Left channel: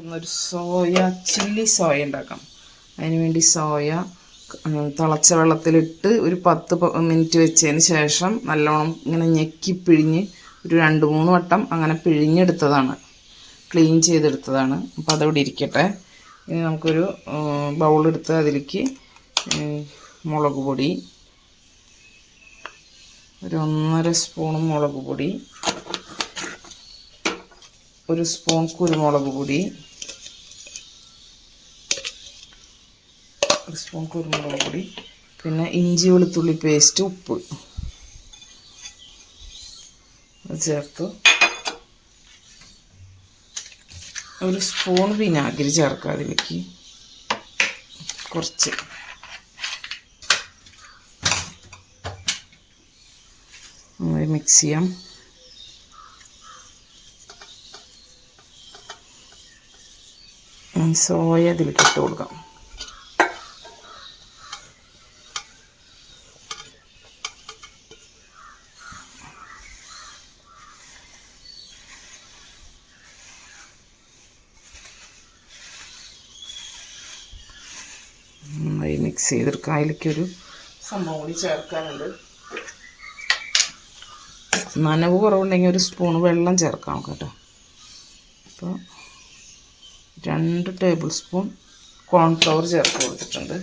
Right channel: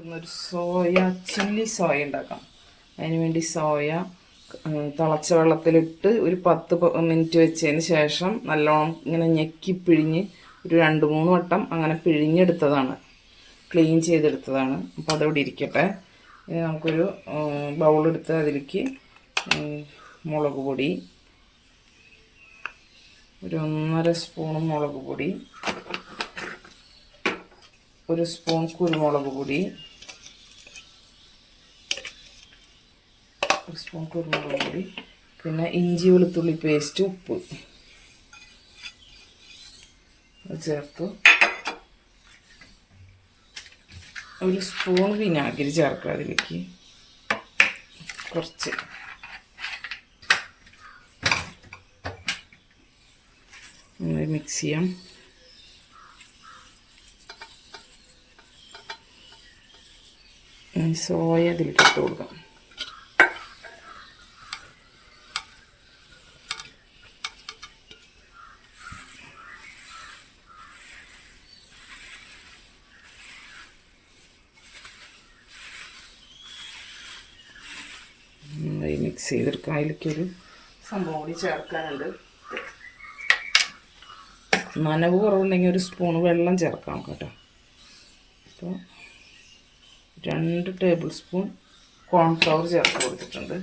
ഒരു soya chilli soya ഉണ്ടാക്കാം. അതിന് വേണ്ടി സോയ തിളച്ച വെള്ളത്തിലിട്ട് ഒരു 10 മിനിറ്റ് വെച്ചതിന് ശേഷം നല്ലോണം ഇങ്ങനെ ഞെക്കി പിഴിഞ്ഞ് ഒരു 2-3 വട്ടം അങ്ങനെ പിഴിഞ്ഞെടുത്തതാണ്, ക്ലീൻ ചെയ്തെടുത്തതാണ്. അപ്പോൾ അതവിടെ ഇരിക്കട്ടെ. ഇനി നമുക്കൊരു ബൗളെടുത്ത് അതിലേക്ക് മുളക് പൊടി, ഒരു 1.5 സ്പൂൺ മുളക് പൊടി, 1 സ്പൂൺ കുരുമുളക് പൊടി, 1 സ്പൂൺ കുരുമുളക് പൊടി, പിന്നെ ഇഞ്ചി വെളുത്തുള്ളി പേസ്റ്റ്, ഉപ്പ് ചേർത്ത് 1 സ്പൂൺ വിനാഗിരി ചേർക്കുക. അതിലേക്ക് കുറച്ച് മിക്സ് ചെയ്യാം. സോയ ഇതിലേക്ക് ഇട്ട് കൊടുക്കാം. നന്നായി മിക്സ് ചെയ്തെടുക്കാം. അതിലേക്കൊരു സംഭവം കൂടി ചേർക്കാനുണ്ട്. നനവ് കുറവുണ്ടെങ്കിൽ 1 സ്പൂൺ വെള്ളം ചേർക്കാം കേട്ടോ. അപ്പോൾ 2 ടേബിൾ സ്പൂൺ കോൺഫ്ലവർ ചേർത്ത് കൊടുത്തിട്ടുണ്ട്.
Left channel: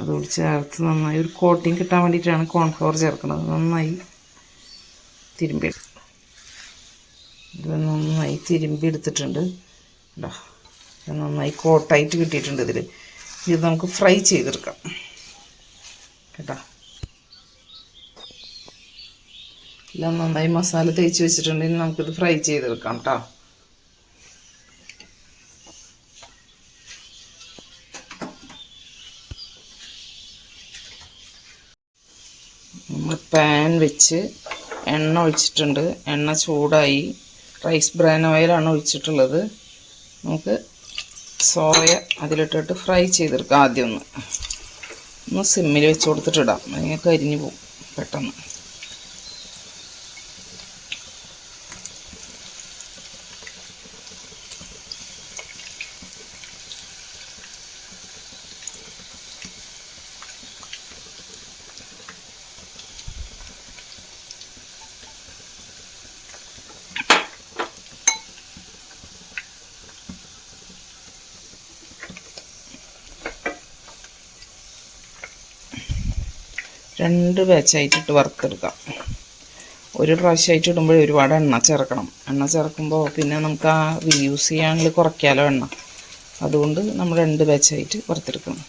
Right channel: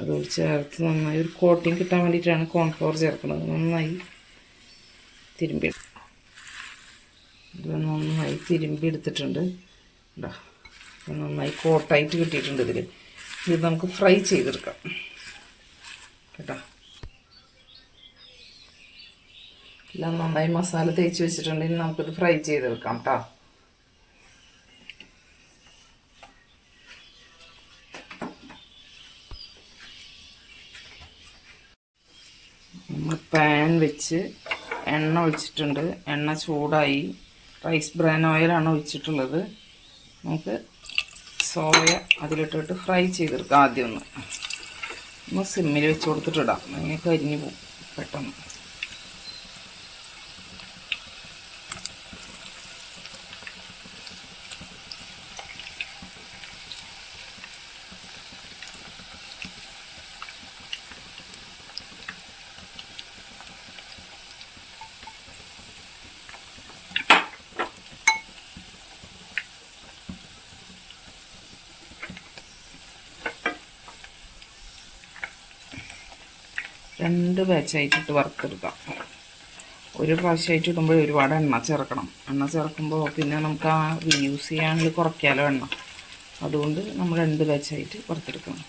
അതുകൂടി ചേർത്ത് നന്നായി ഒരു കോട്ടിങ് കിട്ടാൻ വേണ്ടിയിട്ടാണ് കോൺഫ്ലവർ ചേർക്കുന്നത്. നന്നായി തിരുമ്പി ഇത് നന്നായി തിരുമ്പി എടുത്തിട്ടുണ്ട്. നന്നായി കോട്ടായിട്ട് കിട്ടിയിട്ടുണ്ട്. ഇത് നമുക്ക് ഫ്രൈ ചെയ്തെടുക്കാം കേട്ടോ. എല്ലാം നന്നായി മസാല തേച്ച് വെച്ചിട്ടുണ്ടെങ്കിൽ നമുക്കിത് ഫ്രൈ ചെയ്തെടുക്കാം കേട്ടോ. നമ്മൾ പാൻ വെച്ച് എണ്ണ ഒഴിച്ചിട്ടുണ്ട്. എണ്ണ ചൂടായി. റൈസ് ബ്രാൻ ഓയിലാണ് ഒഴിച്ചിട്ടുള്ളത്. നമുക്ക് സോയ അതിലിട്ടിട്ട് ഫ്രൈ ചെയ്തെടുക്കാം. ആദ്യം ഒന്ന് സിമ്മിൽ വെച്ച് കൊടുത്തിട്ടിടാം, അല്ലെങ്കിൽ കരിഞ്ഞു പോകും പെട്ടെന്ന്. രണ്ട് ബാച്ചായിട്ടിട്ട് വറുത്തെടുക്കാം. ഒരു പ്രാവശ്യമായിട്ട് ഇടുമ്പോൾ ഒരുപാട് എണ്ണ ചേർക്കണം. എണ്ണ ചേർക്കുമ്പോൾ പിന്നെ നമുക്ക് ആ യൂസ് ചെയ്യാനുള്ള കുറയ്ക്കാലോ എണ്ണ. അതുകൊണ്ട് നമ്മൾ 2 ബാച്ചായിട്ട് വറുത്തെടുക്കണം.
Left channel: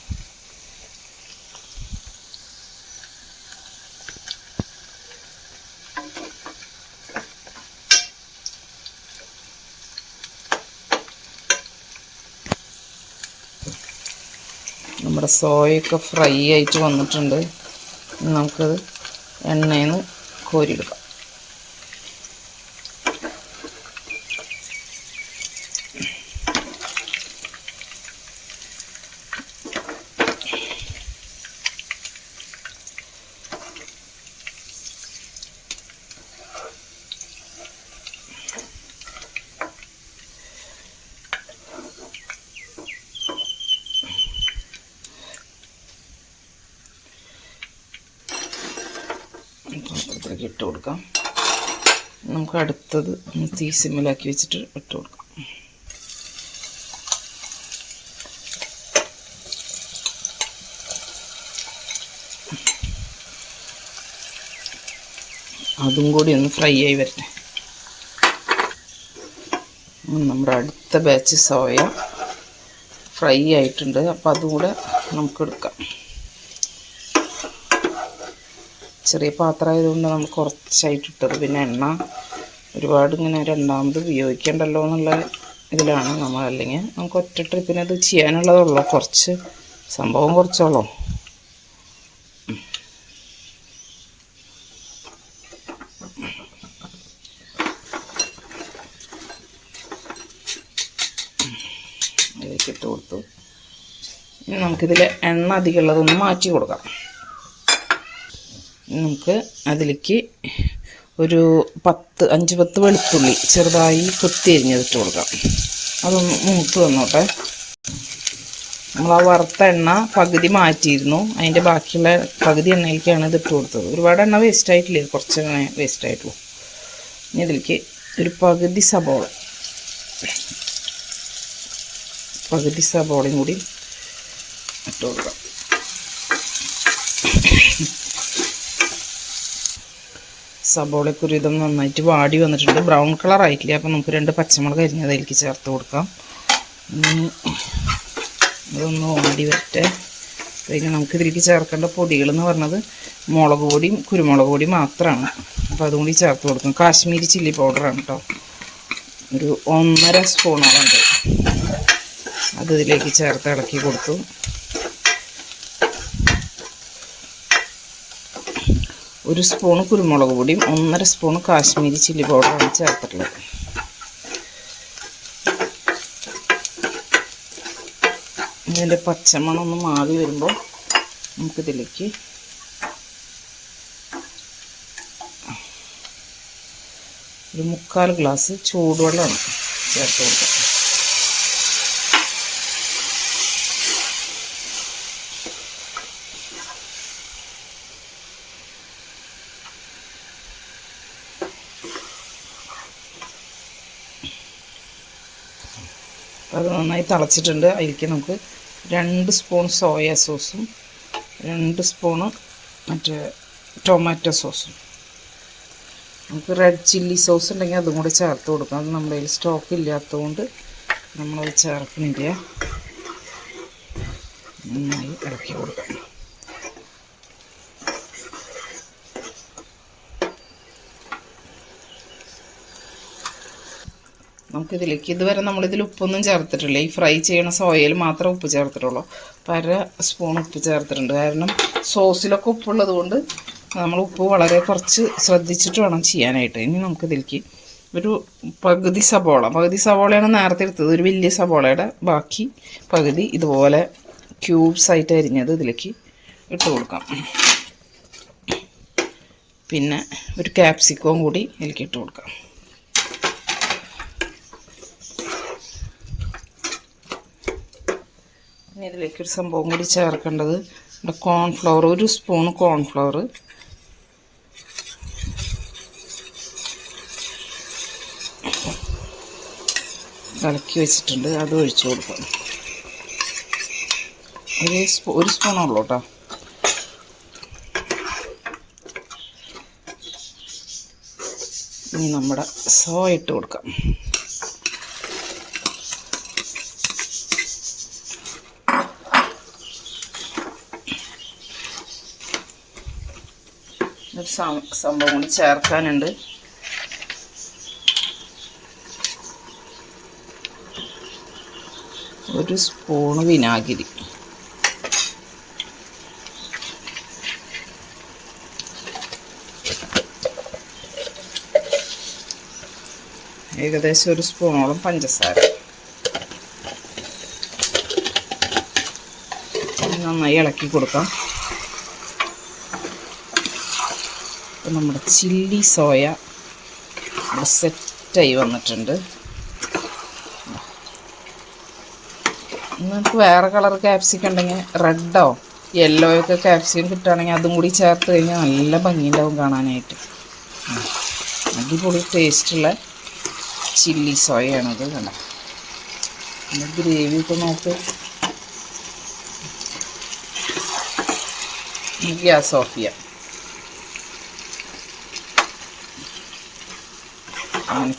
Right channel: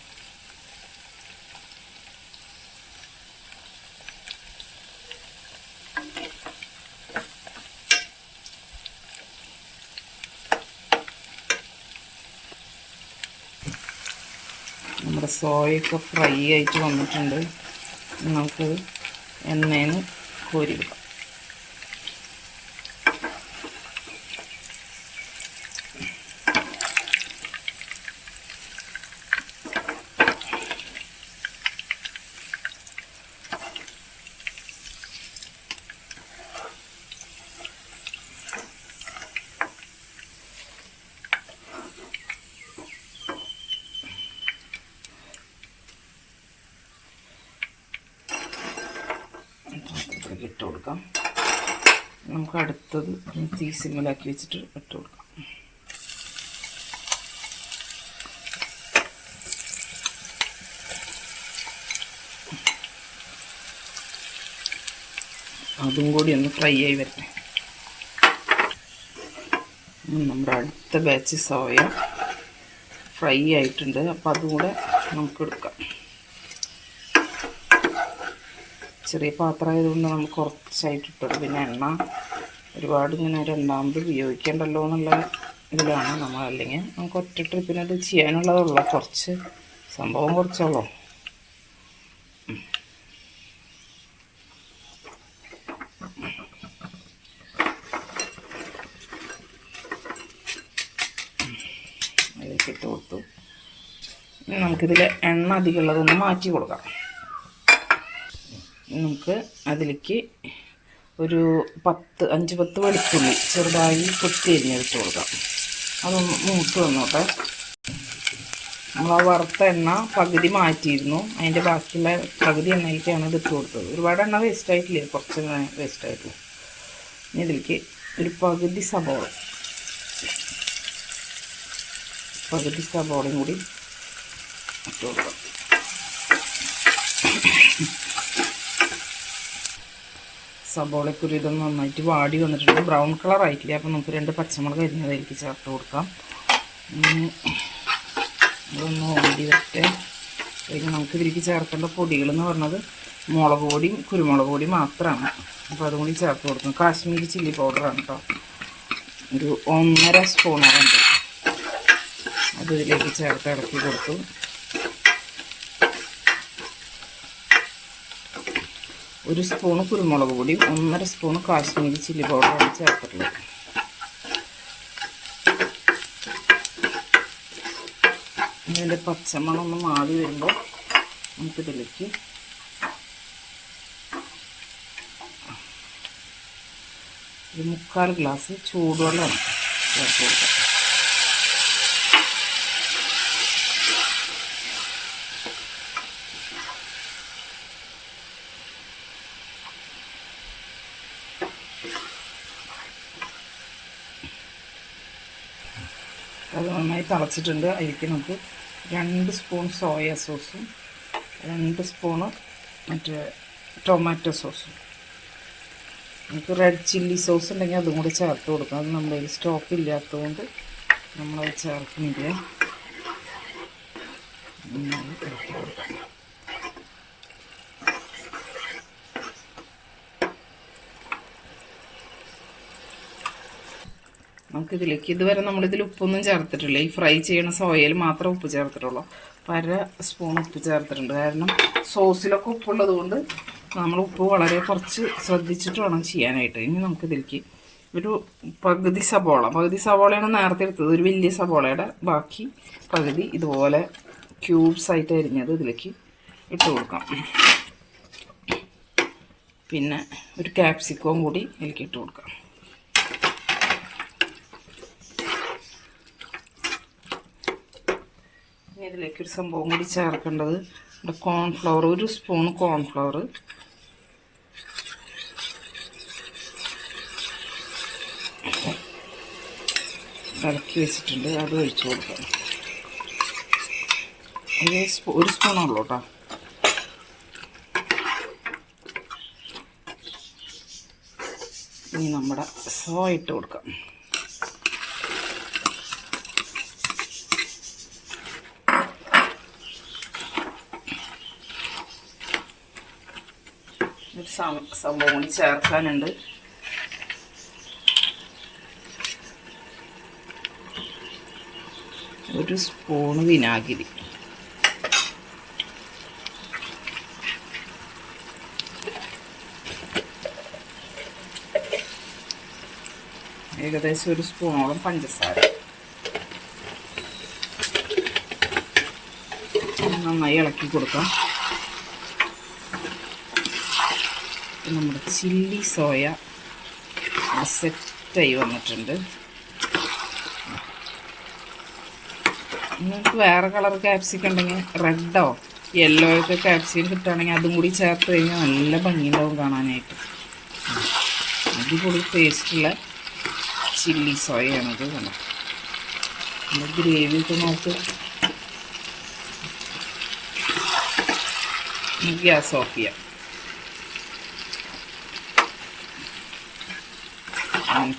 നമ്മുടെ സോയൊക്കെ ഫ്രൈ ആയിട്ട് വന്നിട്ടുണ്ട്. നമുക്കത് എണ്ണയിൽ നിന്ന് കോരിയെടുക്കാം. ഇട്ട് കൊടുക്കാം. നമുക്ക് അടുത്തത് തീ സിമ്മിലാക്കി വെച്ചിട്ട് ഇട്ട് കൊടുക്കാം. അതും കൂടി ഒന്ന് ഫ്രൈ ആയി വരട്ടെ. നമ്മുടെ അടുത്ത ബാച്ച് സോയ ഫ്രൈ ആയിട്ടുണ്ട്. അപ്പോൾ അതും കൂടെ നമുക്ക് എടുക്കാം. ചെറിയ പാത്രമായതുകൊണ്ട് നമുക്ക് കുറച്ചായിട്ടിട്ടത്. പിന്നെ എണ്ണ ഒരുപാട് ഇങ്ങനെ രണ്ടാമത് ഉപയോഗിക്കേണ്ടല്ലോ എന്നുള്ള ഇതിലാണ് നമ്മൾ. അല്ലെങ്കിൽ നമുക്ക് ഒറ്റ ട്രിപ്പിന് അത് ചെയ്യാനുള്ളതുള്ളൂ. കുറച്ച് സംഭവം കുറച്ചുള്ളൂ. അതിലേക്ക് ഇട്ട് കൊടുത്തു. ഇനി നമുക്കിതിൽ എണ്ണ അധികമുള്ളതൊന്ന് മാറ്റി കൊടുക്കാം. നമുക്ക് അതിലേക്ക് ഒരു 5-10 വെളുത്തുള്ളി ചെറുതായി കൊത്തി അരിഞ്ഞിട്ട് കൊടുക്കാം. അതൊന്ന് മൂത്ത് വന്നോട്ടെ. നമ്മൾ ആ വറുത്ത എണ്ണ പകുതി മാറ്റിയിരുന്നു, അതിൻ്റെ ബാക്കിയുള്ള പകുതി എണ്ണയിലേക്കാണ് ഇതിട്ട് കൊടുത്തത്. ഒരുപാട് എണ്ണ വേസ്റ്റായിട്ടില്ല, കുറച്ച് എണ്ണ വേസ്റ്റായിട്ടുള്ളൂ. ഇനി ഇതിലേക്ക് ഒരു പകുതി സബോളയും കൂടി ഇട്ട് കൊടുക്കാം. സബോളയ്ക്കൊരു ഇതൊന്ന് നന്നായിട്ട് വാടി വന്നിട്ടുണ്ട്, ബ്രൗൺ കളർ ആയിട്ടില്ല. അപ്പോൾ നമുക്ക് 2 പച്ചമുളക് അരിഞ്ഞത് അതിലേക്ക് ചേർത്ത് കൊടുക്കാം. ഇതൊന്ന് വാടി വരട്ടെ. പിന്നെ നമുക്ക് ഇതിലേക്ക് ചേർക്കേണ്ട പൊടികളെന്ന് പറഞ്ഞത് മുളക് പൊടിയും കുരുമുളക് പൊടിയും മാത്രമാണ്. അപ്പോൾ അതും കൂടി ചേർത്ത് കൊടുക്കും. കാശ്മീരി ചില്ലി പൗഡറാണ് കേട്ടോ, ഒരു 1.5 സ്പൂണുണ്ട്. അത് ഇതിലേക്ക് ചേർത്ത് ഇളക്കി കൊടുത്തു. ഒരു സ്പൂണ് കുരുമുളക് പൊടിയും 1.5 സ്പൂണ് കാശ്മീരി ചില്ലി പൗഡറാണ് ചേർത്തിട്ടുള്ളത്. ഇതിൻ്റെ പച്ചമണം ഒന്ന് മാറി വരുമ്പോൾ നമുക്കിതിലേക്ക് ഒരു 3/4 ഗ്ലാസ് ചൂടുവെള്ളം ചേർത്ത് കൊടുക്കാം. അത് നന്നായി തിളച്ചിട്ടുണ്ട്. അതിലേക്ക് നമുക്ക് 2 സ്പൂൺ സോയാ സോസും 2 സ്പൂണ് മറ്റേ ടൊമാറ്റോ സോസും, നമുക്ക് റെഡ് ചില്ലി സോസ് ഉണ്ടെങ്കിൽ അതും കൂടി ചേർത്ത് കൊടുക്കാം. അത് നമ്മുടെ കയ്യിൽ സ്റ്റോക്ക് ഇല്ലാത്തതുകൊണ്ട് നമ്മളത് ചേർക്കുന്നില്ല. നന്നായി ഇറക്കി കൊടുക്കാം. നമുക്കിതിലേക്ക് ഇതുവരെ നമ്മളിതിൽ ഉപ്പൊന്നും ചേർത്തിട്ടില്ല. ഈ ഫ്രൈ ചെയ്യണ സോയയിൽ മാത്രമേ ഉപ്പ് ചേർത്തിട്ടുള്ളൂ. 1/2 സ്പൂൺ ഉപ്പ് ചേർത്തിട്ടുണ്ട്. കാരണം സോസിലൊക്കെ ഉപ്പുള്ളത് കൊണ്ട് നമ്മൾ ഉപ്പ് വളരെ കുറച്ച് ശ്രദ്ധിച്ചിട്ട് വേണം ചെയ്യാനായിട്ട്. ഇനി നമുക്കിതിലേക്ക് ഒരു പകുതി സവോളയാണ് നേരത്തെ എടുത്തത്. ഒരു വലിയ സവോളയുടെ ബാക്കി പകുതി ഇതുപോലെ ക്യൂബ്സ് ആയിട്ട് അരിഞ്ഞത് ഇതിലേക്ക് ഇട്ട് കൊടുക്കാം. പിന്നെ ഒരു ക്യാപ്സിക്കവും കൂടി ഇതിലേക്ക് ഇട്ട് കൊടുക്കാം. ഇതിലേക്കൊരു സംഭവം കൂടി ചേർക്കേണ്ടത്, ഇവിടെ കോൺഫ്ലവർ, 1 സ്പൂൺ കോൺഫ്ലവർ കലക്കി വെച്ചിട്ടുണ്ട്. അത് ഒഴിച്ചു കൊടുക്കാം. 1 സ്പൂണുള്ളൂ കേട്ടോ. ഇനി നമ്മുടെ സോയ ഇട്ട് കൊടുക്കാം. ഒരു സംഭവം കൂടി ചേർക്കാനുണ്ട്. ഒരു സ്പൂണ് വിനാഗിരി, ഏകദേശം 1 സ്പൂണോളം പഞ്ചസാര. നന്നായി ഇളക്കി കൊടുക്കാം. നമ്മുടെ ചില്ലി സോയ സെറ്റായി വന്നിട്ടുണ്ട്. നിങ്ങൾക്ക് വേറെ കളർ ക്യാപ്സിക്കം ഉണ്ടെങ്കിൽ റെഡോ യെല്ലോയൊക്കെ ക്യാപ്സിക്കം കിട്ടുകയാണെങ്കിൽ അതും കൂടി ചേർത്ത് കഴിഞ്ഞാൽ നല്ല ഭംഗിയുണ്ടാവും കാണാനായിട്ട്. അടിപൊളി ടേസ്റ്റുള്ള ചില്ലി സോയയാണത്. കണ്ടോ, പിന്നെ ഗ്രേവി ഒക്കെ നോക്ക്. ഗ്യാസ് ഓഫ് ചെയ്യാം.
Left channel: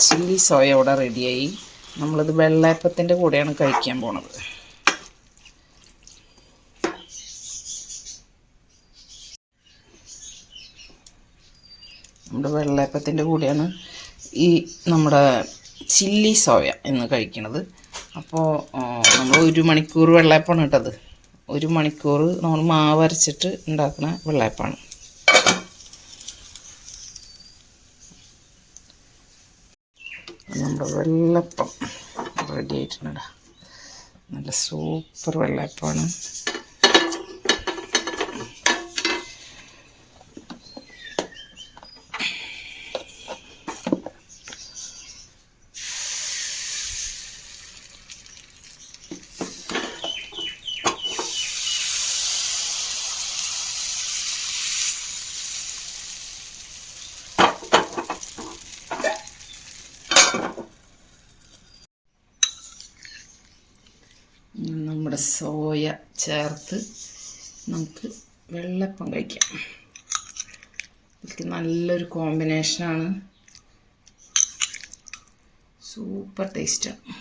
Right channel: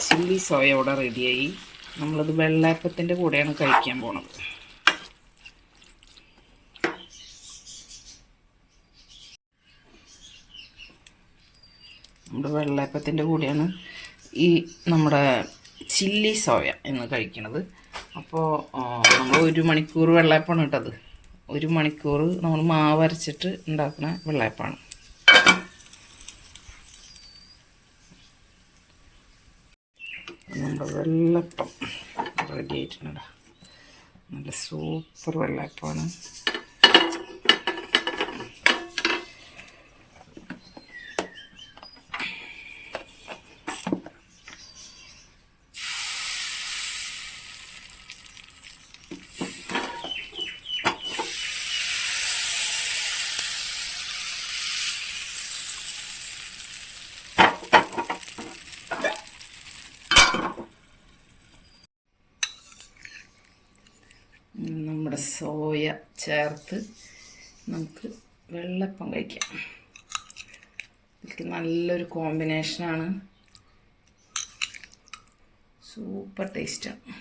ചില്ലി സോയ ഇവിടെ റെഡിയായി. നമ്മളിത് വെള്ളയപ്പത്തിൻ്റെ കൂടെയാണ് കഴിക്കാൻ പോണത്. നമ്മുടെ വെള്ളയപ്പത്തിൻ്റെ കൂടെയാണ് ഈ നമ്മുടെ ചില്ലി സോയ എന്ന് കഴിക്കുന്നത്. അപ്പോൾ നമ്മൾ 1 മണിക്കൂർ വെള്ളയപ്പമാണ് ഇട്ടത്. 1 മണിക്കൂർ നമ്മൾ മാവ് അരച്ചിട്ട് ഉണ്ടാക്കുന്ന വെള്ളയപ്പമാണ്. നമ്മുടെ വെള്ളപ്പം റെഡി ആയിട്ടുണ്ട്. നല്ല സൂപ്പർ വെള്ളയപ്പമാണ്. സോയ ചേർത്ത് നമുക്ക് വെള്ളപ്പം കഴിക്കാം. ഇതിലേക്ക് നല്ലൊരു കോമ്പിനേഷനാണ്, സൂപ്പർ ടേസ്റ്റാണ്.